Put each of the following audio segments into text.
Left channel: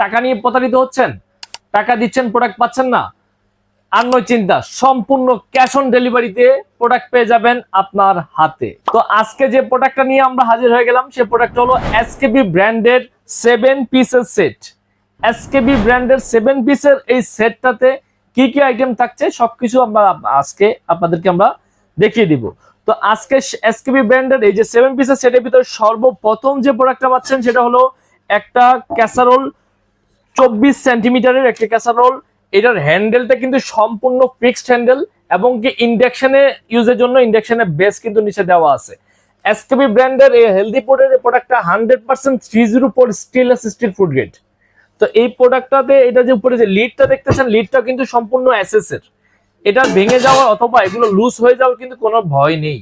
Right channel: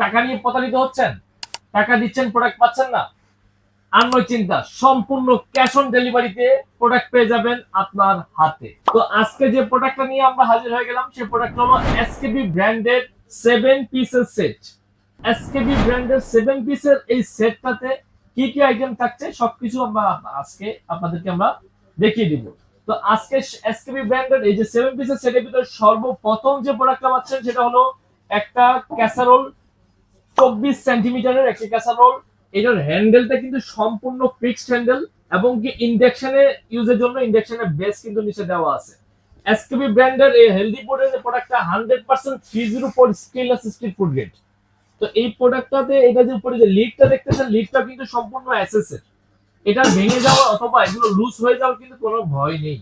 টাকা নিয়ে প্রতারিত হচ্ছেন, টাকা দিচ্ছেন প্রোডাক্ট পাচ্ছেন না, আর নয় চিন্তা, সম্পূর্ণ ক্যাশ অন ডেলিভারিতে প্রোডাক্ট পেয়ে যাবেন আপনার হাতে। তো আজকে যে প্রোডাক্টটা নিয়ে আমরা হাজির হয়ে গেলাম সে প্রোডাক্টটা হলো এসকেবি ব্র্যান্ডের 7 পিসের সেট। এসকেবি ব্র্যান্ডের 7 পিসের এই সেটটাতে কি কি আইটেম থাকছে সবকিছু আমরা আজকে আপনাদেরকে আমরা দেখিয়ে দিব। তো আজকে এসকেবি ব্র্যান্ডের এই যে 7 পিসের সেটের ভিতরে সর্বপ্রথম যে প্রোডাক্টটা পাচ্ছেন সেটা হলো একটা ক্যাসারোল, 24 সেন্টিমিটারের একটা ক্যাসারোল। এটার হ্যান্ডেলটা কিন্তু সম্পূর্ণ ফিক্সড হ্যান্ডেল এবং কি ইন্ডাকশনে ইউজের জন্য ইন্ডাকশনের বেস কিন্তু নিচে দেওয়া আছে। এসকেবি ব্র্যান্ডের এই হেলদি পোর্টের প্রোডাক্টটা 100% 304 স্টেনলেস স্টিল ফুড গ্রেড। তো এই প্রোডাক্টটাতে এটা যে উপরে যে লিডটা দেখতেছেন, লিডটা কিন্তু সম্পূর্ণ এসএস এর। এটা ভেঙে যাওয়ার অথবা এগুলো লুজ হয়ে যাওয়ার কিন্তু কোনো ভয় নেই।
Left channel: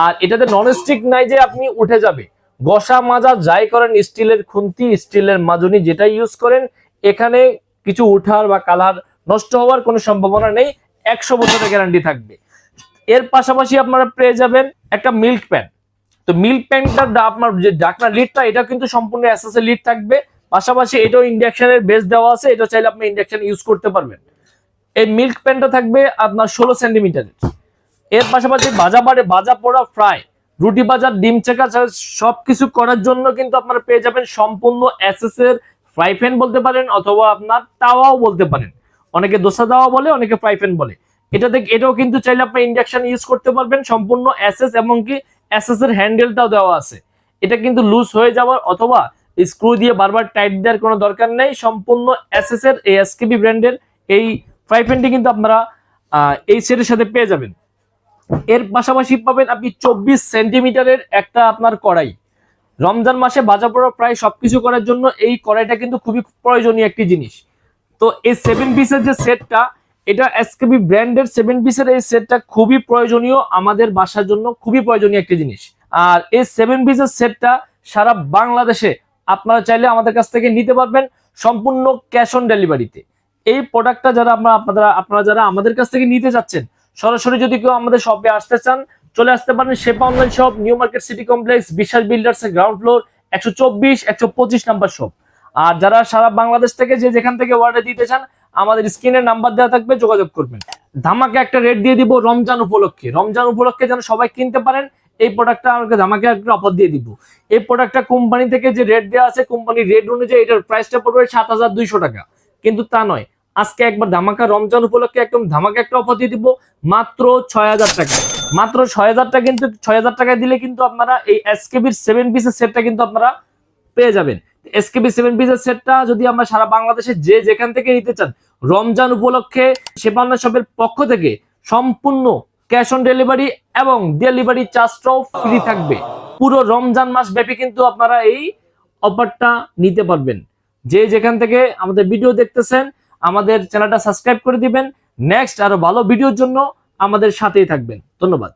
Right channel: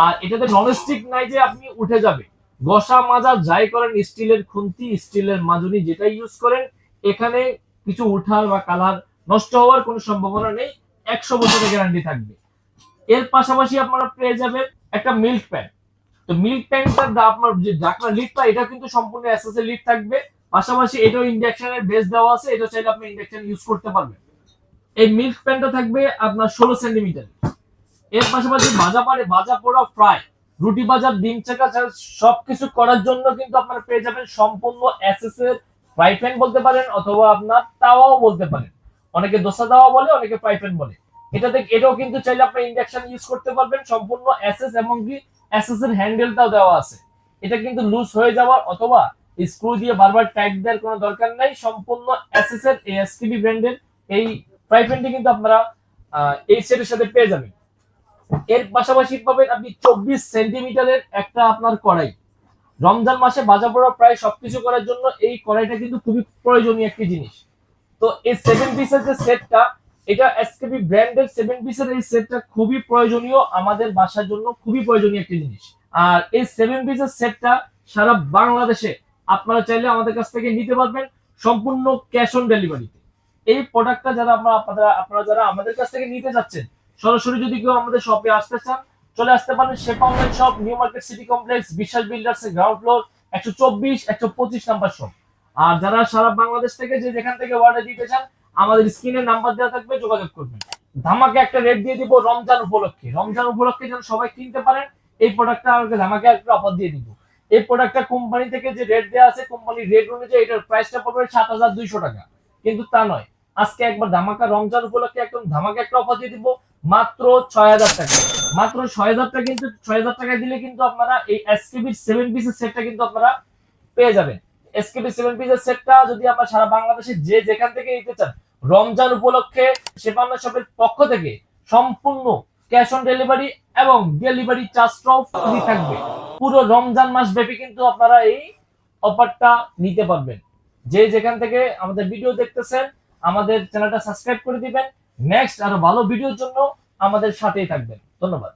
আর এটাতে ননস্টিক নাই যে আপনি উঠে যাবে, ঘষা মাজা যাই করেন, স্টিলের খুন্তি, স্টিলের মাজনি যেটা ইউজ করেন, এখানে কিছু উঠার বা কালার নষ্ট হওয়ার কোনো সম্ভাবনা নেই। 100 বছরের গ্যারান্টি থাকবে। এর পাশাপাশি আপনারা পেয়ে যাবেন একটা মিল্ক প্যান। তো মিল্ক প্যানটা আপনার যে ঢাকনা লিডটা এটা কিন্তু সম্পূর্ণ এসএস এর লিড থাকবে। পাশাপাশি এটাও ইন্ডাকশনের বেস দেওয়া আছে, এটা চাইলে আপনি ইন্ডাকশন ইউজ করতে পারবেন। এই মিল্ক প্যানটা থাকবে আপনার 16 সেন্টিমিটারের। এর পাশাপাশি ভাজা পোড়া ফ্রাই, রুটি বাজার, ডিম চেকা সবকিছু করার জন্য কিন্তু আপনারা পেয়ে যাবেন সম্পূর্ণ এসএস এর ফ্রাই প্যান বলতে পারেন অথবা আপনার তাওয়াও বলতে পারেন। অনেকে দোসা তাওয়া বলে, অনেকে ফ্রাই প্যান বলে। এটাও কিন্তু চাইলে আপনি ইন্ডাকশন ইউজ করতে পারবেন। সম্পূর্ণ এসএস এবং কি এসএস এর হ্যান্ডেলটাও দেওয়া আছে। এটা কিন্তু লুজ হয়ে যাওয়ার অথবা স্ক্রু দিয়ে বারবার টাইট দেওয়ার কোনো দরকার নেই। সম্পূর্ণ এসএস এর এই এসকেবি ব্র্যান্ডের এই ফ্রাই প্যানটি কিন্তু আপনারা এই সেটের সাথে পেয়ে যাবেন। এর পাশাপাশি পাবেন আপনি 24 সেন্টিমিটারের একটা আপনার কড়াই। রমজান মাসে ভাজা পোড়া প্রায় সবকিছু করার জন্য এই কড়াইটা কিন্তু খুবই প্রয়োজনীয় একটি জিনিস। তো এই 7 পিসের যে সেটটা, এটা এসকেবি ব্র্যান্ডের 7 পিসের এই সেটটা খুবই প্রয়োজনীয়, আমাদের বাসার জন্য খুবই প্রয়োজনীয় একটি জিনিস। আর এই 7 পিসের সেটটা সারা বাংলাদেশে আপনারা চাইলে আমাদের কাছ থেকে নিতে পারবেন সম্পূর্ণ ক্যাশ অন ডেলিভারিতে। এই প্রোডাক্টটা আপনারা যারা আমাদের কাছ থেকে নিতে যাচ্ছেন, সরাসরি যদি কেউ আমাদের শপে আসতে চান, চলে আসতে পারেন শেপা online shop, new market city complex, Biswas builders এর গ্রাউন্ড ফ্লোর, 124 125 নাম্বার শপ। আর যারা সারা বাংলাদেশ থেকে যে যেখান থেকে অর্ডার দিতে চান, আমাদের স্ক্রিনে নাম্বার দেওয়া থাকবে, যোগাযোগ করবেন। ধামাকে একটা রেট দিয়ে দিব রমজান উপলক্ষে। রমজান উপলক্ষে যেন সবাই কিনতে পারেন, এই প্রোডাক্টটা আমাকে ধামাকে একটা অফার দিয়ে দিব। এই প্রোডাক্টটা কোম্পানি থেকে যে রেট দেওয়া আছে, কোম্পানির রেট অনুযায়ী এটার প্রাইসটা পড়বে 7200 টাকা, কিন্তু তা নয়। আজকে একবার ধামাকা রমজান উপলক্ষে একদম ধামাকা একটা অফার দিয়ে দিব মাত্র 6000 টাকা। মাত্র 6000 টাকা, কিন্তু 6000 টাকায় দিলে কিন্তু আপনারা এই এসকেবির 7 পিসের সেটটা কিন্তু আপনারা পেয়ে যাবেন। এসকেবি 7 পিসের সেটটা যদি আমরা সারা বাংলাদেশে যে যেখান থেকে নিতে চান, রমজান উপলক্ষে শেফান্না শপের পক্ষ থেকে সম্পূর্ণ ক্যাশ অন ডেলিভারি এবং ডেলিভারি চার্জটাও ফ্রি থাকবে। পুরো রমজান মাস ব্যাপী কিন্তু আপনারা এই অফারটা নিতে পারবেন। যে যেখান থেকে আমাদের ভিডিও দেখতেছেন, আমাদের চ্যানেলটা সাবস্ক্রাইব করে দিবেন। নেক্সট আরো ভালো ভিডিওর জন্য আমাদের সাথেই থাকবেন। ধন্যবাদ।